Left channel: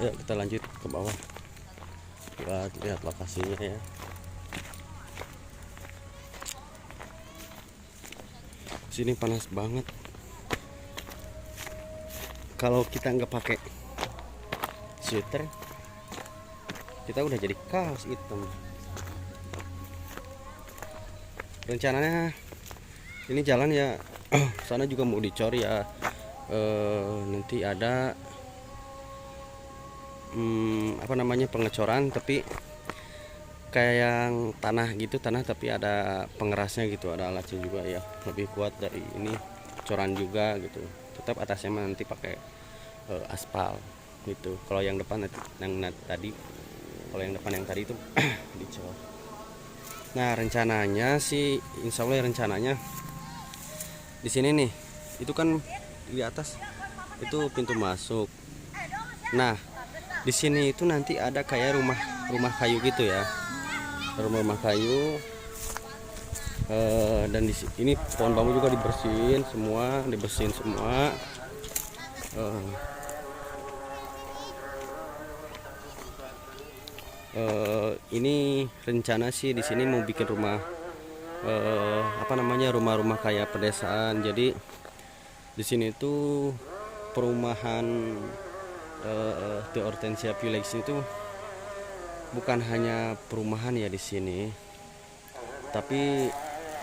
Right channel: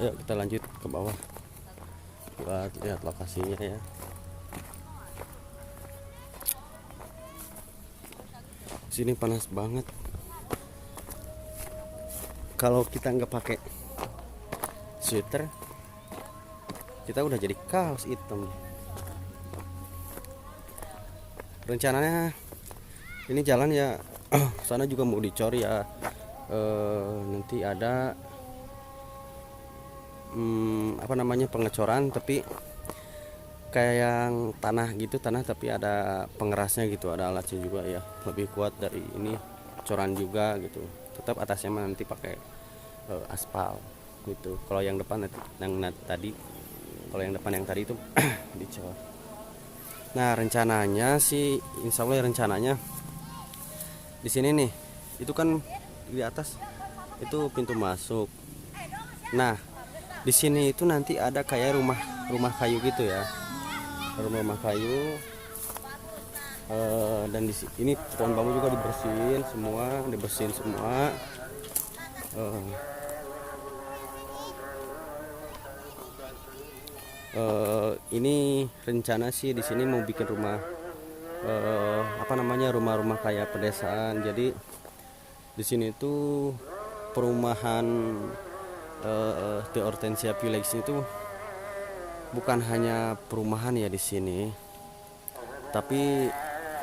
Ayo kita lanjut ke bawah buat lihat lokasinya ya. Sini panas banget. Kalau kita nggak pakai sweater, kita udah jadi kaos hitam. Rencananya ini jalan ya, sana juga mau dicor ya. Nanti ada apa namanya, pengecoran, tapi kayak yang tanah gitu, tanah tapi ada pengerasnya gitu, ada alatnya juga ya, lebih kuat dari ini, coran juga gitu. Tetap atasnya nanti pakai aspal gitu. Kalau yang depan tadi, kalau yang depan yang tadi itu dicor. Nah rencananya sih, insya Allah rencananya di sini nih, itu kan di atas itu pintu masuk. Nah di sini itu nanti ada kayak rumah kayu gitu ya, rumah kayu. Dan di ini pohon bambu juga dibersihin semua. Ini rencana sih di sini mau bikin rumah, apa namanya, rumah-rumah kayak pedesaan. Jadi di sini tuh perumahan The Hortensia Village itu bukan hanya perumahan ya di sini, tapi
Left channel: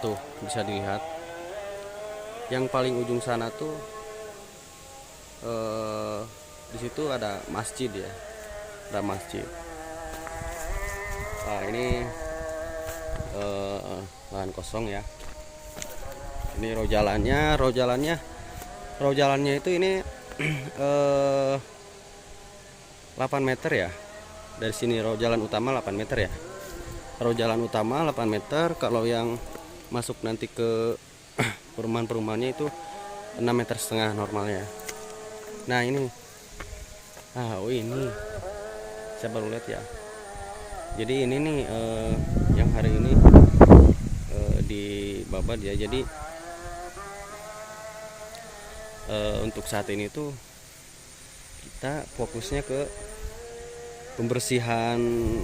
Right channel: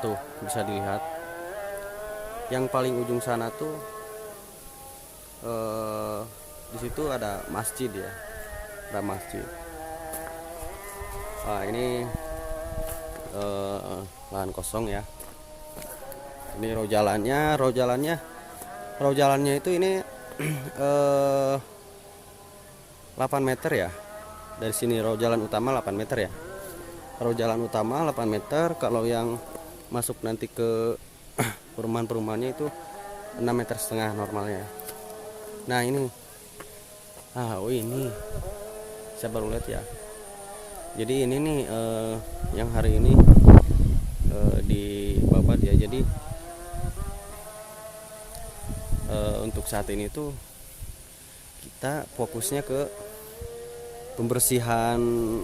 tuh bisa dilihat yang paling ujung sana tuh di situ ada masjid ya, ada masjid. Ini lahan kosong ya. Ini row jalannya itu ini 8 meter ya. Dari sini row jalan utama 8 meter ya. Row jalan utama 8 meter. Kalau yang masuk nanti ke perumahan-perumahannya itu 6,5 meter normalnya. Nah ini, ini saya baru lihat ya. Jadi ini nih yang hari ini dibabat ya. Jadi untuk saat ini tuh kita fokusnya ke pembersihan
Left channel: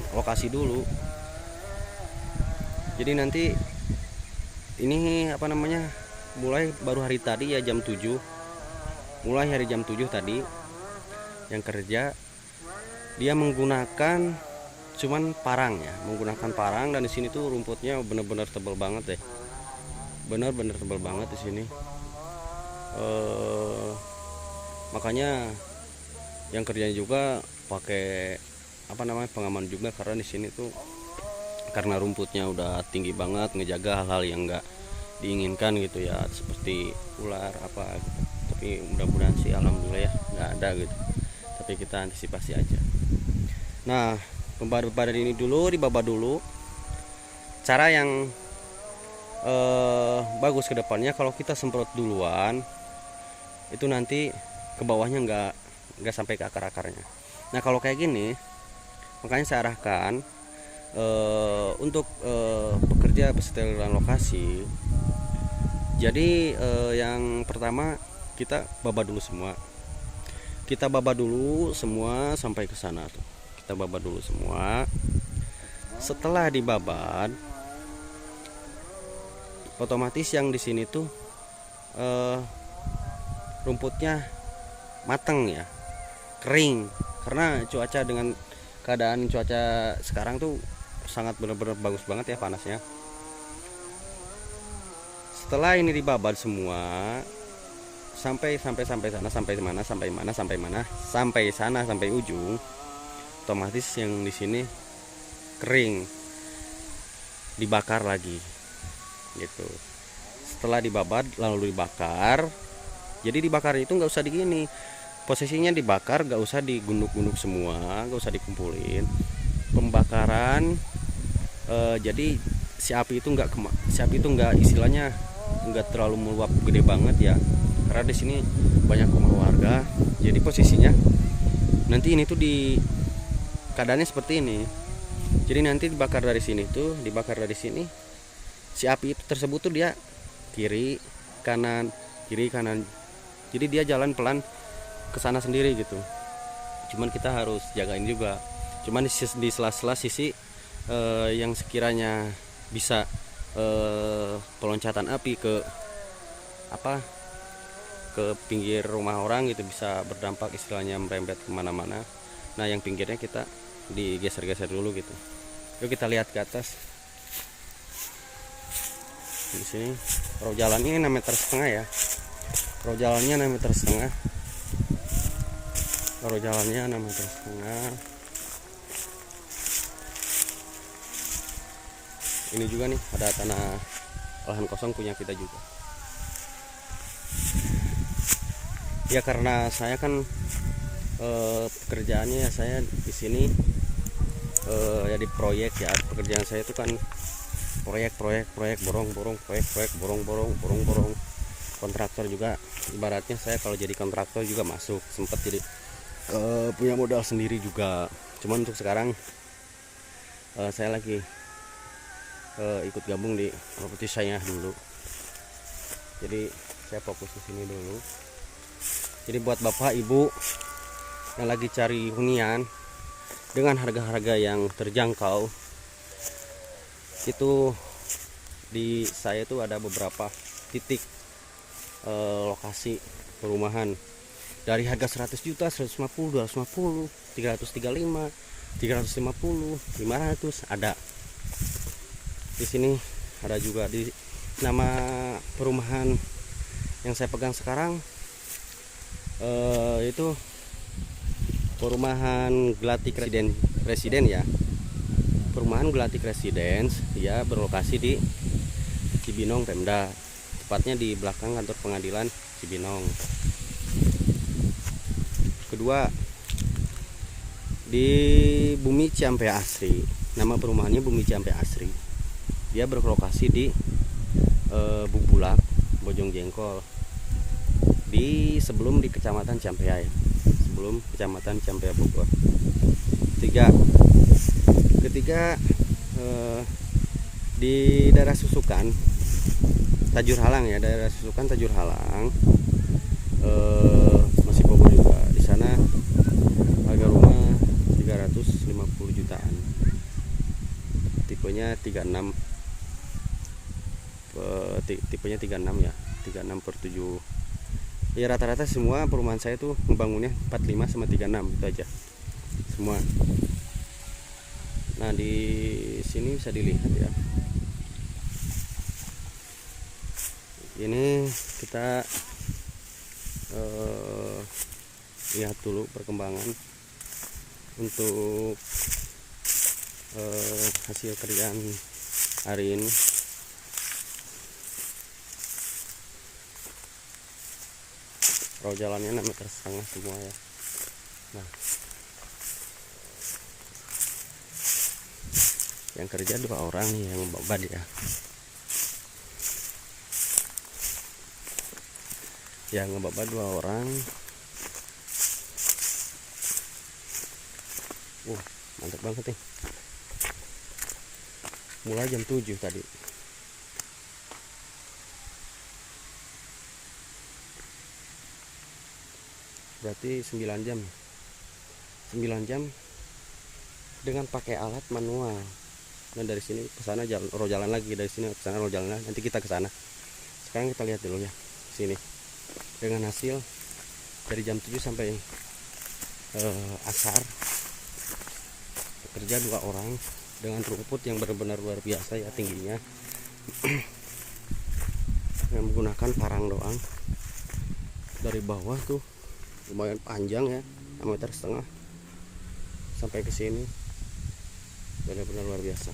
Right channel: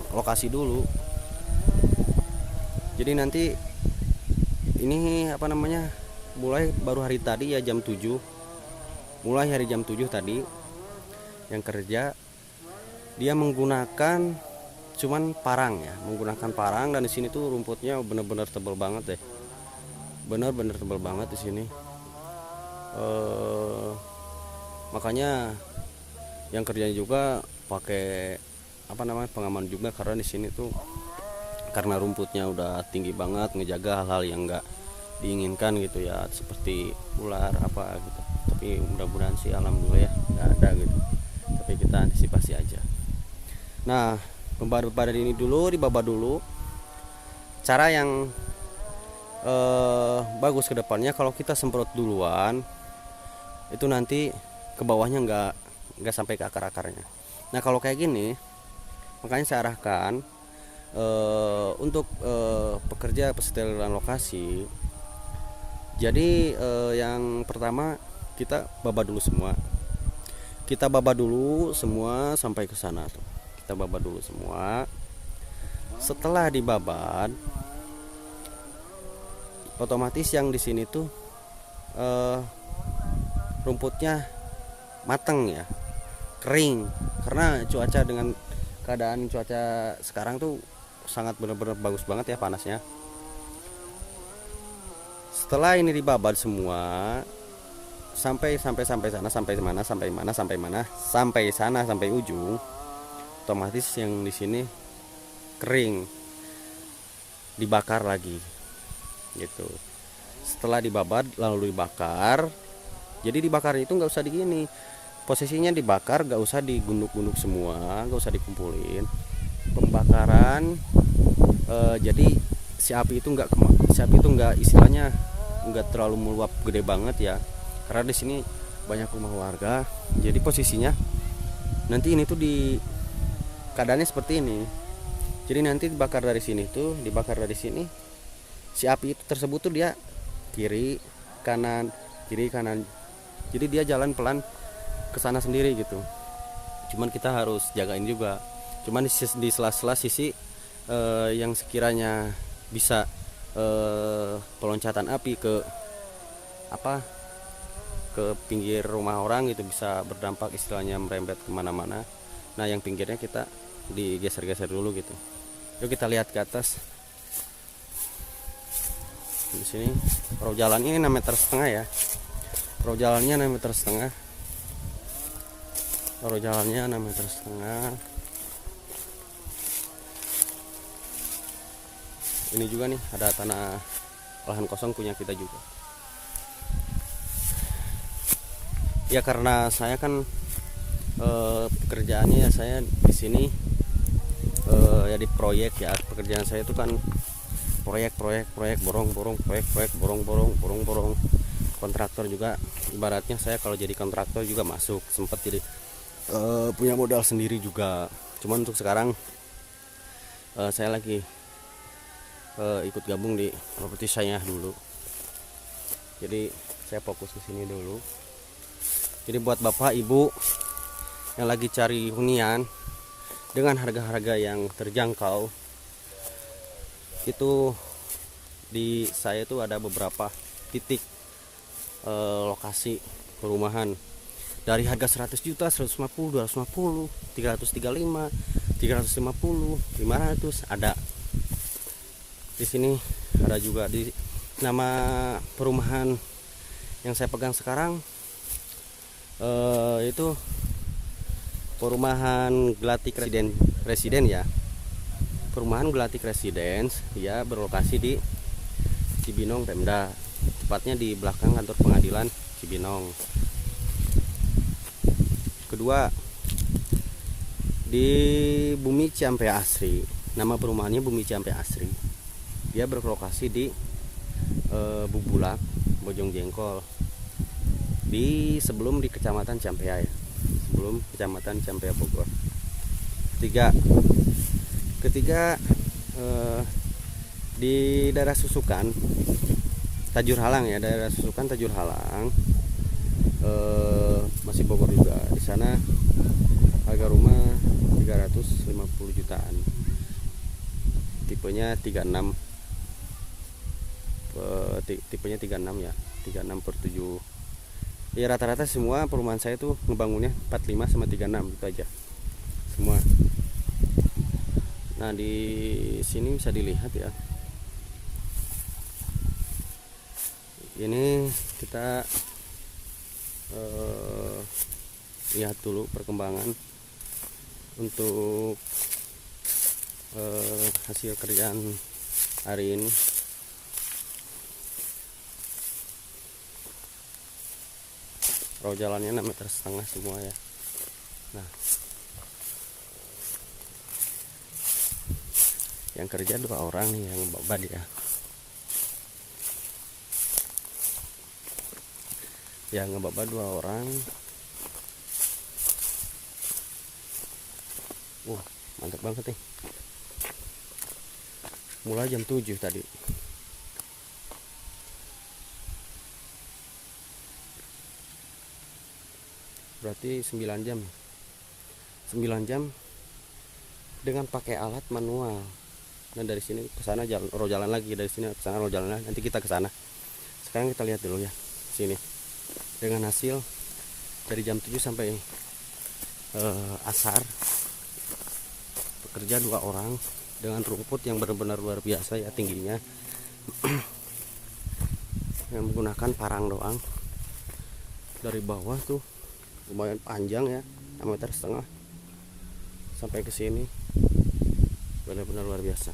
lokasi dulu. Jadi nanti ini apa namanya, mulai baru hari tadi ya jam 7, mulai hari jam 7 tadi yang kerja dia menggunakan cuman parang ya, menggunakan parang. Dan di sini tuh rumputnya bener-bener tebal banget deh, bener-bener tebal banget di sini. Makanya yang kerjanya juga pakai apa namanya, pengaman juga, karena di sini tuh karena rumputnya udah tinggi banget, ngejaga hal-hal yang enggak diinginkan gitu ya, seperti ular apa gitu. Tapi mudah-mudahan sih alhamdulillah ya nggak ada gitu, tapi kita antisipasi aja. Nah pembabat ini dulu dibabat dulu. Cara yang bagus ke depannya, kalau kita semprot duluan itu nanti ke bawahnya nggak sampai ke akar-akarnya. Nah kalau kayak gini, makanya saya arahkan untuk pekerja pensterilizan lokasi. Jadi yang pertama kita babat dulu semua. Kita babat dulu semua sampai ke sana tuh. Kita babat dulu semua. Setelah dibabat, otomatis yang di sini tuh rumputnya mateng ya, kering. Karena cuaca, dengan keadaan cuaca sekarang tuh sangat benar-benar bagus banget ya panasnya. Setelah ini dibabat semua sampai sana, sampai ujung, otomatis yang di sini kering, dibakar lagi gitu. Setelah dibabat lalu dibakar. Jadi dibakar itu nggak usah digini, posisinya dibakar, nggak usah digunduk-gunduk semua, nggak usah dikumpulin. Pembakaran jadi si api itu nggak istilahnya nggak terlalu meluap gede banget ya, karena di sini banyak rumah warga. Jadi posisinya nanti ini tuh di keadaannya seperti ini. Jadi nanti dibakar dari sini, si api itu tersebut tuh dia kiri kanan. Jadi dia jalan pelan ke sana sendiri gitu. cuman kita harus jagain juga. Cuman di sela-sela sisi yang sekiranya bisa peloncatan api ke pinggir rumah orang gitu, bisa berdampak istilahnya merembet kemana-mana. Nah yang pinggirnya kita digeser-geser dulu gitu. Yuk kita lihat ke atas. Di sini row jalannya 6,5 meter ya. Row jalannya 6,5 meter. Row jalannya 6,5 meter. Ini juga nih ada tanah lahan kosong punya kita juga. Ya karena saya kan pekerjaannya ya saya di sini ya di proyek ya. Pekerjaan saya itu kan proyek borong kontraktor juga. Ibaratnya saya kalau jadi kontraktor juga masuk, sempat jadi punya modal sendiri juga. Cuman untuk sekarang saya lagi ikut gabung di properti saya dulu. Jadi saya fokus ke sini dulu. Jadi buat bapak ibu yang lagi cari hunian dengan harga-harga yang terjangkau, itu di saya itu ada beberapa titik lokasi perumahan dari harga 100 juta, 150, 250, 335, 350, 500 ada. Di sini ada juga. Di nama perumahan yang saya pegang sekarang itu perumahan Glatik Residen ya. Perumahan Glatik Residence ya, berlokasi di Cibinong Pemda, tepatnya di belakang kantor pengadilan Cibinong. Kedua di Bumi Ciampea Asri. Nama perumahannya Bumi Ciampea Asri. Dia berlokasi di Bubulak, Bojong Jengkol, di sebelum di Kecamatan Ciampea ya, sebelum Kecamatan Ciampea Bogor. Ketiga di daerah Susukan Tajur Halang ya, daerah Susukan Tajur Halang, masih Bogor juga. Di sana harga rumah 350 jutaan, tipenya 36, tipenya 36 ya, 36/7 ya. Rata-rata semua perumahan saya tuh ngebangunnya 45 sama 36 itu aja semua. Nah di sini bisa dilihat ya, ini kita lihat dulu perkembangan untuk hasil kerjaan hari ini. Row jalannya 6,5 meter semua ya. Nah yang kerja 2 orang nih yang babad ya. Yang ngebabad 2 orang. Mantap banget nih. Mulai jam 7 tadi. Berarti 9 jam. 9 jam dengan pakai alat manual. Dan dari sini ke sana row jalan lagi, dari sini ke sana row jalan lagi. Nanti kita ke sana. Sekarang kita lihat dulu ya sini. Dengan hasil dari jam 7 sampai asar, bekerja 2 orang dengan rumput yang benar-benar luar biasa ya tingginya. Yang menggunakan parang doang. Dari bawah tuh lumayan panjang ya, 1,5 meter sampai ke sini. Benar-benar luar biasa,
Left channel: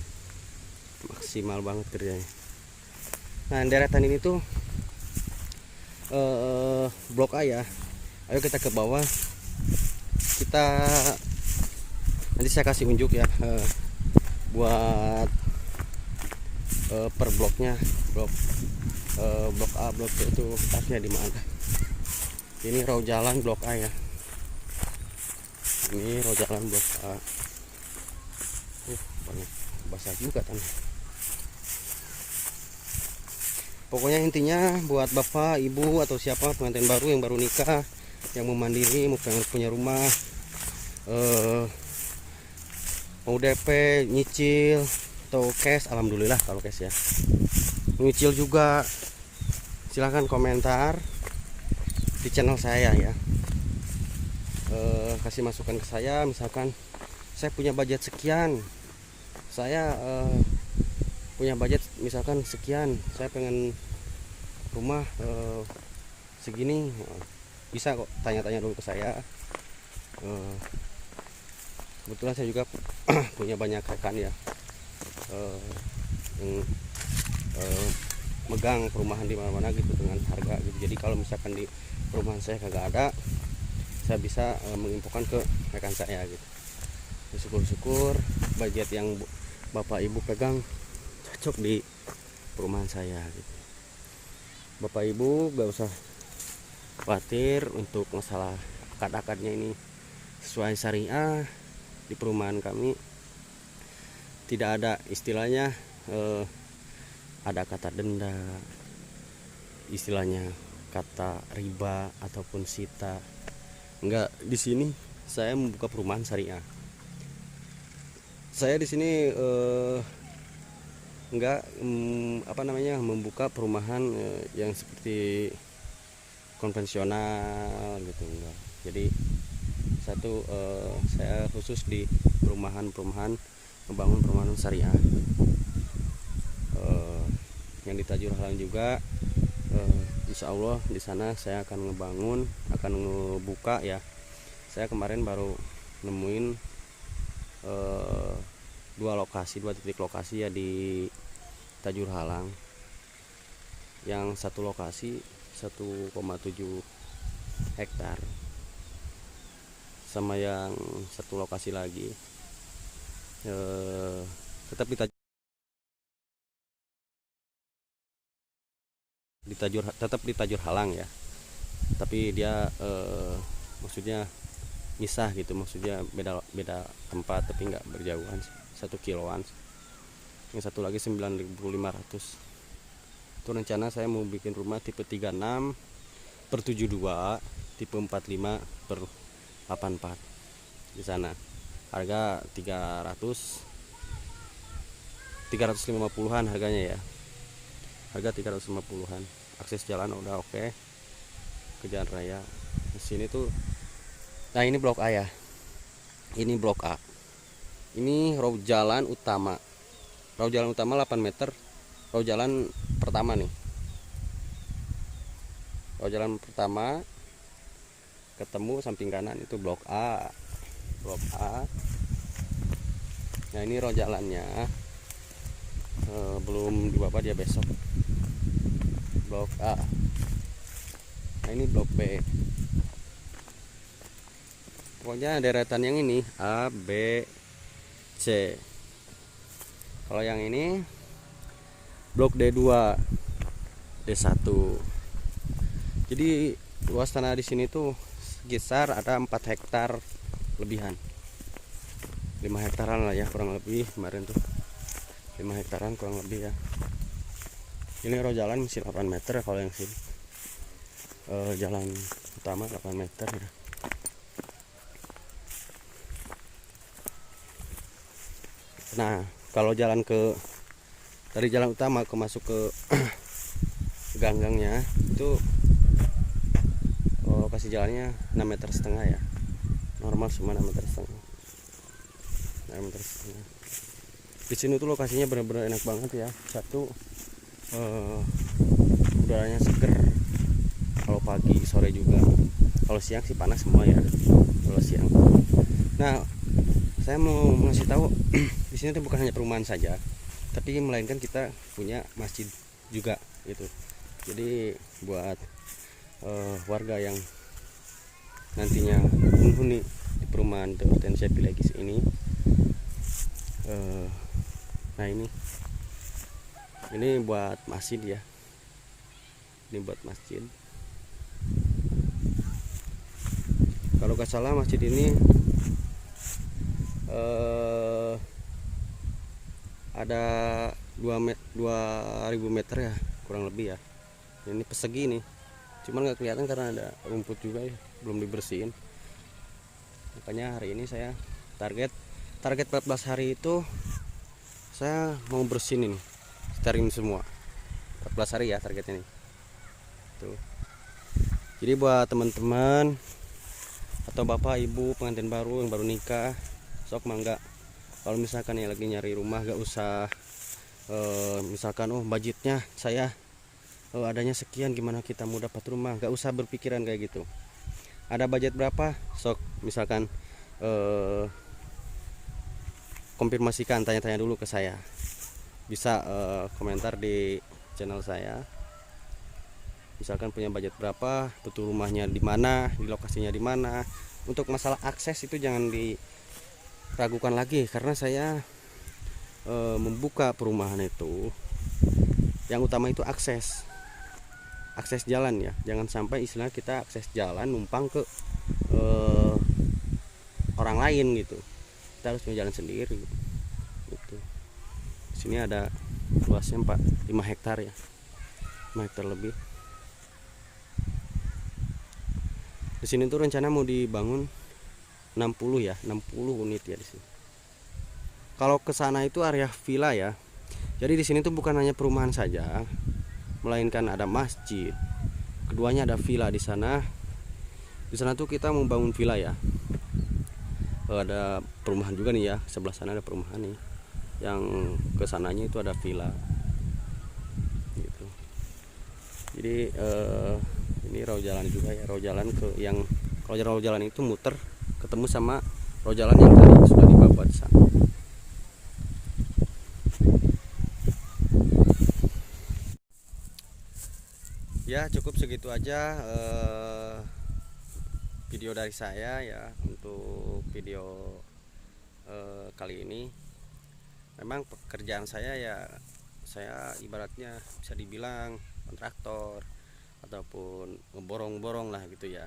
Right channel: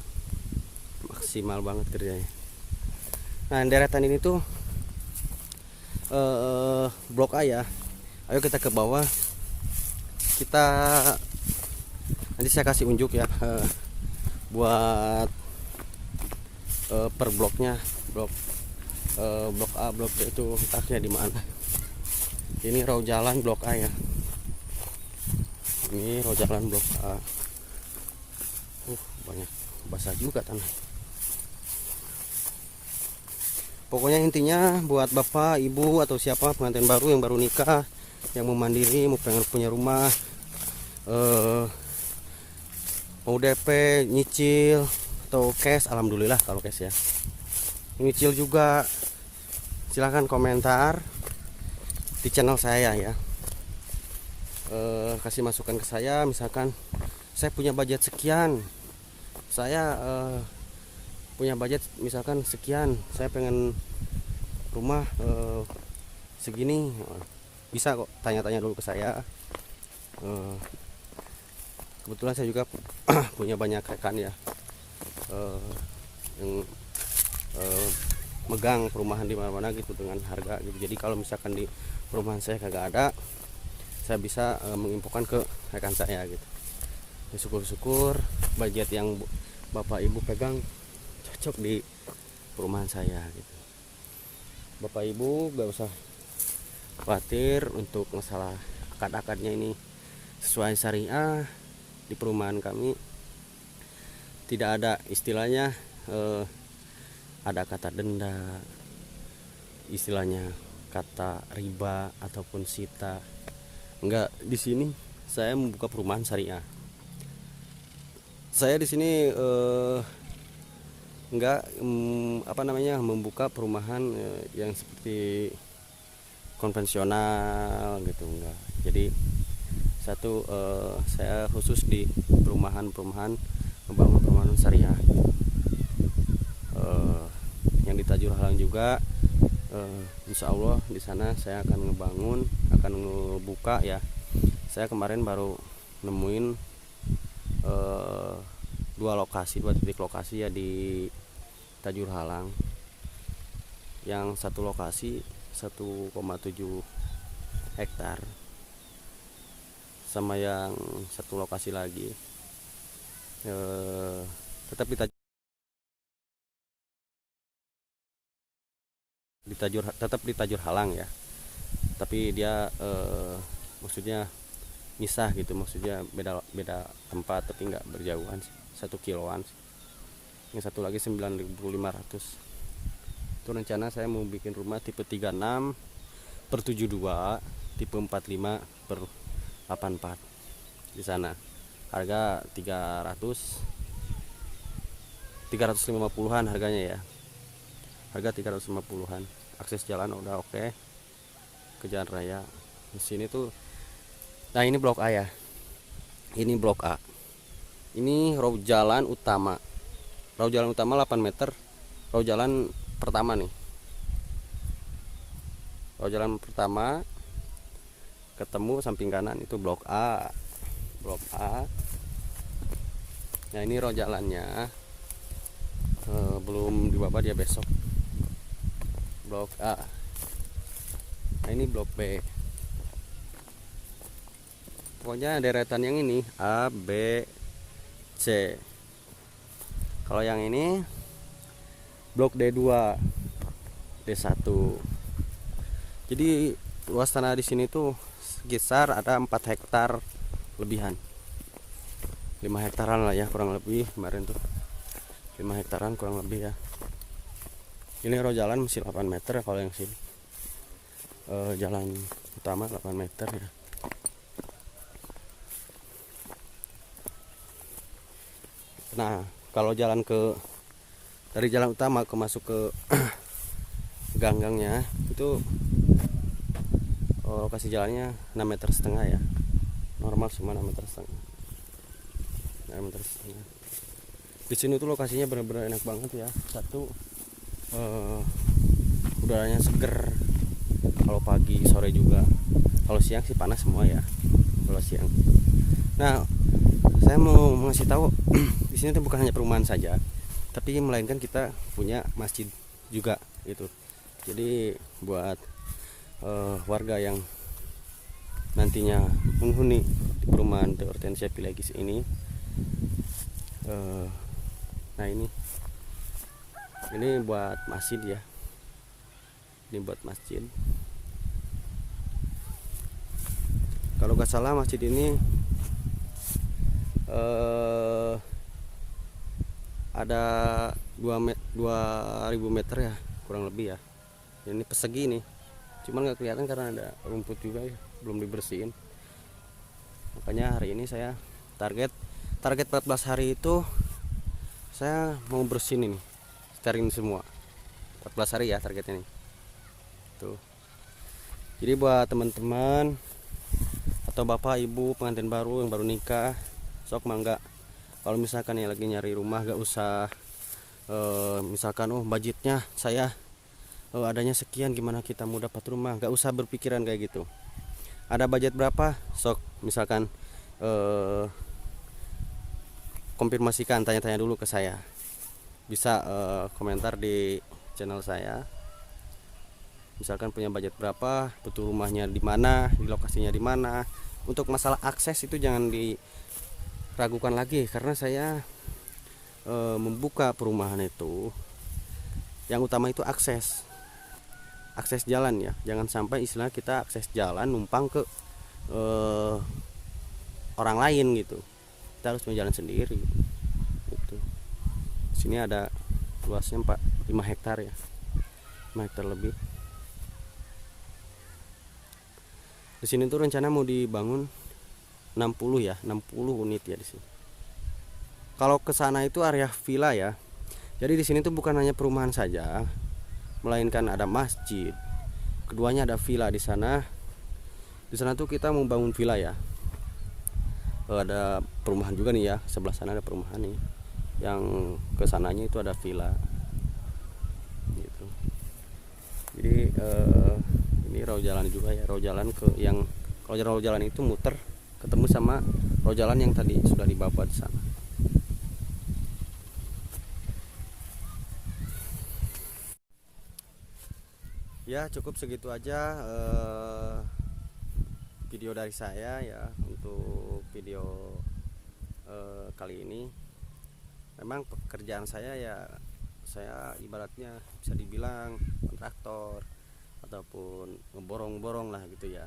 maksimal banget kerjanya. Nah deretan ini tuh blok A ya. Ayo kita ke bawah, kita nanti saya kasih unjuk ya buat per bloknya, blok A, blok B itu letaknya di mana. Ini row jalan blok A ya. Ini row jalan blok A. Banget basah juga tanah. Pokoknya intinya buat bapak, ibu atau siapa pengantin baru yang baru nikah, yang mau mandiri, mau pengen punya rumah, mau DP, nyicil atau cash, alhamdulillah kalau cash ya. Nyicil juga silahkan komentar di channel saya ya. Kasih masukan ke saya, misalkan saya punya budget sekian, saya punya budget misalkan sekian, saya pengen rumah segini, bisa kok tanya-tanya dulu ke saya. Kebetulan saya juga punya banyak rekan ya, yang megang perumahan di mana-mana gitu dengan harga gitu. Jadi kalau misalkan di perumahan saya kagak ada, saya bisa menginfokan ke rekan saya gitu. Syukur-syukur budget yang Bapak Ibu pegang cocok di perumahan saya gitu. Bapak Ibu gak usah khawatir untuk masalah akad-akadnya, ini sesuai syariah. Di perumahan kami tidak ada istilahnya ada kata denda, istilahnya kata riba ataupun sita. Enggak, di sini saya membuka perumahan syariah. Saya di sini enggak membuka perumahan yang seperti konvensional gitu, enggak. Jadi satu, saya khusus di perumahan membangun perumahan syariah. Yang di Tajur Halang juga, insya Allah di sana saya akan ngebuka ya. Saya kemarin baru nemuin dua titik lokasi ya di Tajur Halang. Yang satu lokasi 1,7 hektar, sama yang satu lokasi lagi tetap di Tajur Halang ya, tapi dia maksudnya misah gitu, maksudnya beda tempat tapi nggak berjauhan, 1 kiloan. Yang satu lagi 9.500. Itu rencana saya mau bikin rumah tipe 36/72, tipe 45/84 di sana. Harga 350-an harganya ya. Harga 350-an. Akses jalan udah oke. Ke jalan raya. Di sini tuh. Nah, ini blok A ya. Ini blok A. Ini row jalan utama. Row jalan utama 8 meter. Row jalan pertama nih. Row jalan pertama ketemu samping kanan itu blok A. Blok A. Nah, ini row jalannya belum dibabat ya, besok. Blok A. Nah, ini blok B. Pokoknya deretan yang ini A, B, C. Kalau yang ini blok D2, D1. Jadi luas tanah di sini tuh sekitar ada 4 hektar lebihan. 5 hektaran lah ya kurang lebih kemarin tuh. 5 hektaran kurang lebih ya. Ini row jalan masih 8 meter ya, kalau yang sini. Jalan utama 8 meter ya. Nah, kalau jalan dari jalan utama masuk ke ganggangnya itu kasih jalannya 6,5 meter ya. Normal cuma 6,5 meter. 6,5 meter. Di sini tuh lokasinya benar-benar enak banget ya. Satu, udaranya seger. Kalau pagi, sore juga. Kalau siang sih panas semua ya. Kalau siang. Nah, saya mau ngasih tahu di sini tuh bukan hanya perumahan saja, tapi melainkan kita punya masjid juga gitu. Jadi buat warga yang nantinya menghuni di perumahan The Hortensia Pilegis ini, nah ini buat masjid ya. Ini buat masjid. Kalau gak salah masjid ini ada 2000 meter ya kurang lebih ya. Ini persegi nih, cuman nggak kelihatan karena ada rumput juga ya, belum dibersihin. Makanya hari ini saya target 14 hari itu saya mau bersihin ini, sterilin semua. 14 hari ya target ini. Tuh. Jadi buat teman-teman atau bapak ibu pengantin baru yang baru nikah, sok mangga. Kalau misalkan ya lagi nyari rumah, gak usah misalkan budgetnya saya adanya sekian, gimana kita mau dapat rumah, gak usah berpikiran kayak gitu. Ada budget berapa, sok misalkan konfirmasikan, tanya-tanya dulu ke saya. Bisa komentar di channel saya. Misalkan punya budget berapa, betul rumahnya di mana, di lokasinya di mana. Untuk masalah akses itu jangan diragukan lagi, karena saya membuka perumahan itu yang utama itu akses jalan ya. Jangan sampai istilah kita akses jalan numpang ke orang lain gitu. Kita harus punya jalan sendiri gitu. Sini ada luasnya 5 hektar ya, 5 hektar lebih. Di sini tuh rencana mau dibangun 60 ya, 60 unit ya di sini. Kalau ke sana itu area villa ya. Jadi di sini tuh bukan hanya perumahan saja, melainkan ada masjid. Keduanya ada villa di sana. Di sana tuh kita mau bangun villa ya. Ada perumahan juga nih ya, sebelah sana ada perumahan nih. Yang ke sananya itu ada villa. Gitu. Jadi ini rawa jalan juga ya, rawa jalan ke yang kalau rawa jalan itu muter ketemu sama rawa jalan yang tadi sudah dibabat sana. Ya cukup segitu aja video dari saya ya untuk video kali ini. Memang pekerjaan saya ya, saya ibaratnya bisa dibilang kontraktor ataupun ngeborong-borong lah gitu ya.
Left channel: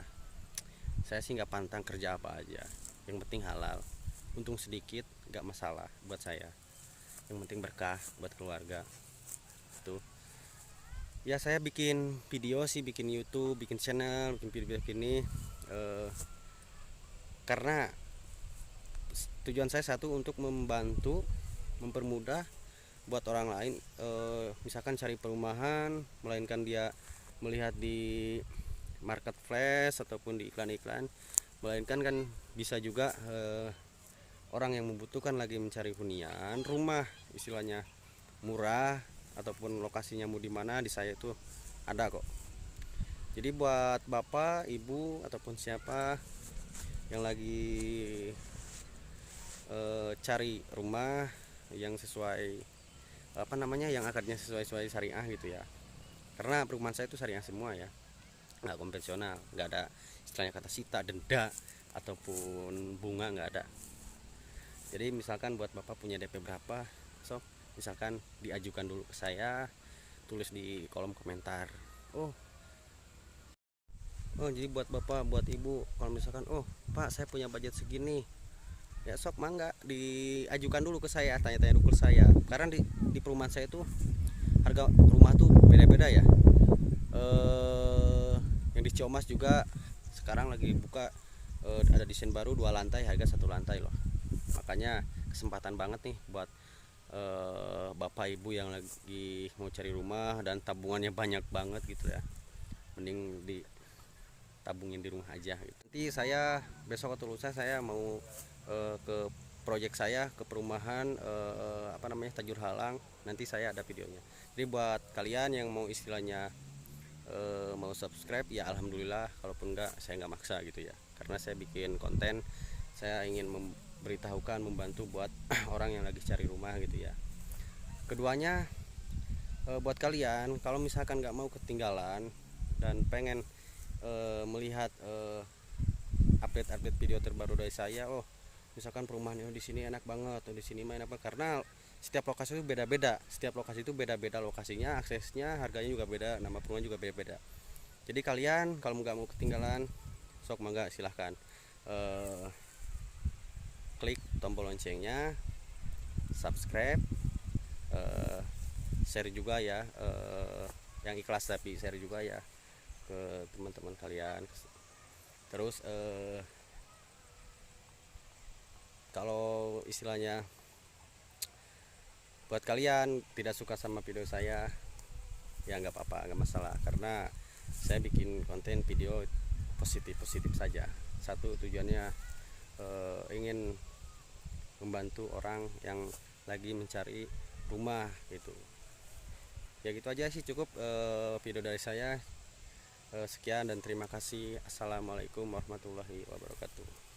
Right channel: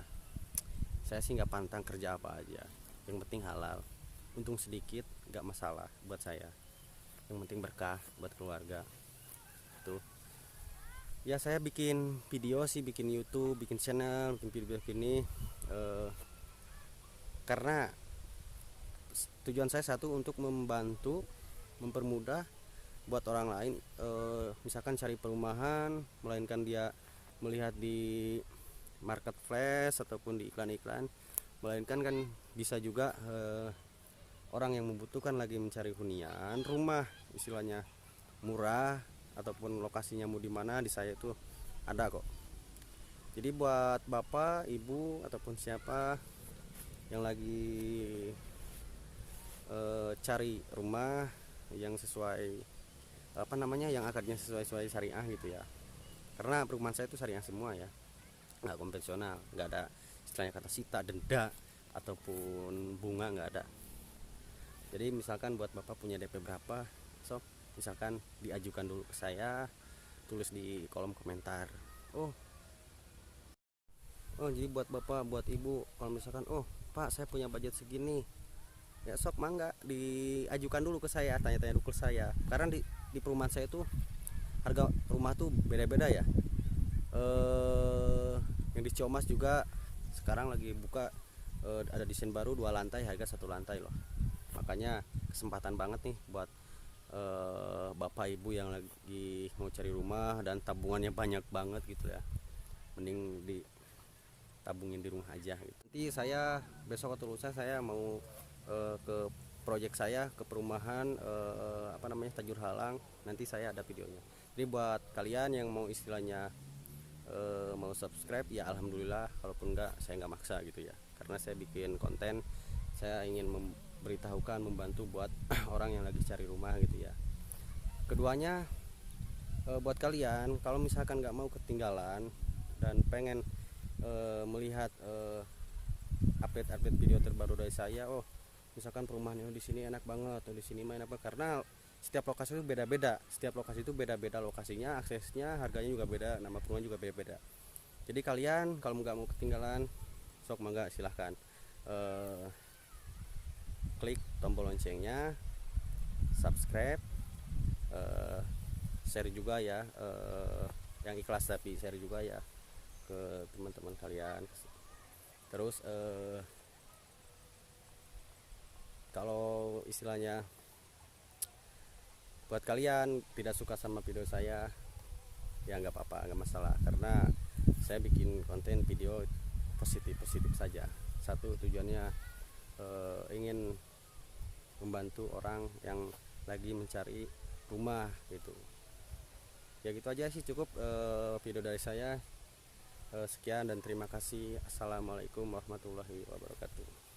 Saya sih nggak pantang kerja apa aja, yang penting halal, untung sedikit nggak masalah buat saya, yang penting berkah buat keluarga. Tuh ya, saya bikin video sih, bikin YouTube, bikin channel, bikin video ini karena tujuan saya satu, untuk membantu, mempermudah buat orang lain misalkan cari perumahan, melainkan dia melihat di marketplace ataupun di iklan-iklan, melainkan kan bisa juga orang yang membutuhkan lagi mencari hunian rumah istilahnya murah ataupun lokasinya mau di mana, di saya itu ada kok. Jadi buat bapak, ibu ataupun siapa yang lagi cari rumah yang sesuai yang akadnya sesuai syariah gitu ya. Karena perumahan saya itu syariah semua ya, nggak konvensional, nggak ada istilahnya kata sita, denda ataupun bunga, nggak ada. Jadi misalkan buat bapak punya DP berapa, so misalkan diajukan dulu ke saya, tulis di kolom komentar. Jadi buat bapak, buat ibu, kalau misalkan pak saya punya budget segini ya, sok mangga diajukan dulu ke saya, tanya-tanya dulu ke saya. Karena di perumahan saya itu harga rumah tuh beda-beda ya. Yang di Ciomas juga sekarang lagi buka ada desain baru 2 lantai, harga 1 lantai loh. Makanya kesempatan banget nih buat bapak ibu yang lagi mau cari rumah dan tabungannya banyak banget gitu ya, mending ditabungin di rumah aja gitu. Nanti saya besok atau lusa saya mau ke proyek saya, ke perumahan Tajur Halang. Nanti saya ada videonya. Jadi buat kalian yang mau istilahnya mau subscribe ya alhamdulillah, kalaupun enggak saya nggak maksa gitu ya, karena saya bikin konten, saya ingin memberitahukan, membantu buat orang yang lagi cari rumah gitu ya. Keduanya buat kalian kalau misalkan nggak mau ketinggalan dan pengen melihat update video terbaru dari saya, misalkan perumahannya di sini enak banget, di sini main apa, karena setiap lokasi itu beda-beda, lokasinya, aksesnya, harganya juga beda, nama perumahan juga beda-beda. Jadi kalian kalau nggak mau ketinggalan, sok mangga silahkan klik tombol loncengnya, subscribe, share juga ya, yang ikhlas tapi share juga ya ke teman-teman kalian. Terus istilahnya, buat kalian tidak suka sama video saya ya nggak apa-apa, nggak masalah, karena saya bikin konten video positif saja. Satu tujuannya ingin membantu orang yang lagi mencari rumah gitu. Ya gitu aja sih, cukup video dari saya. Sekian dan terima kasih. Assalamualaikum warahmatullahi wabarakatuh.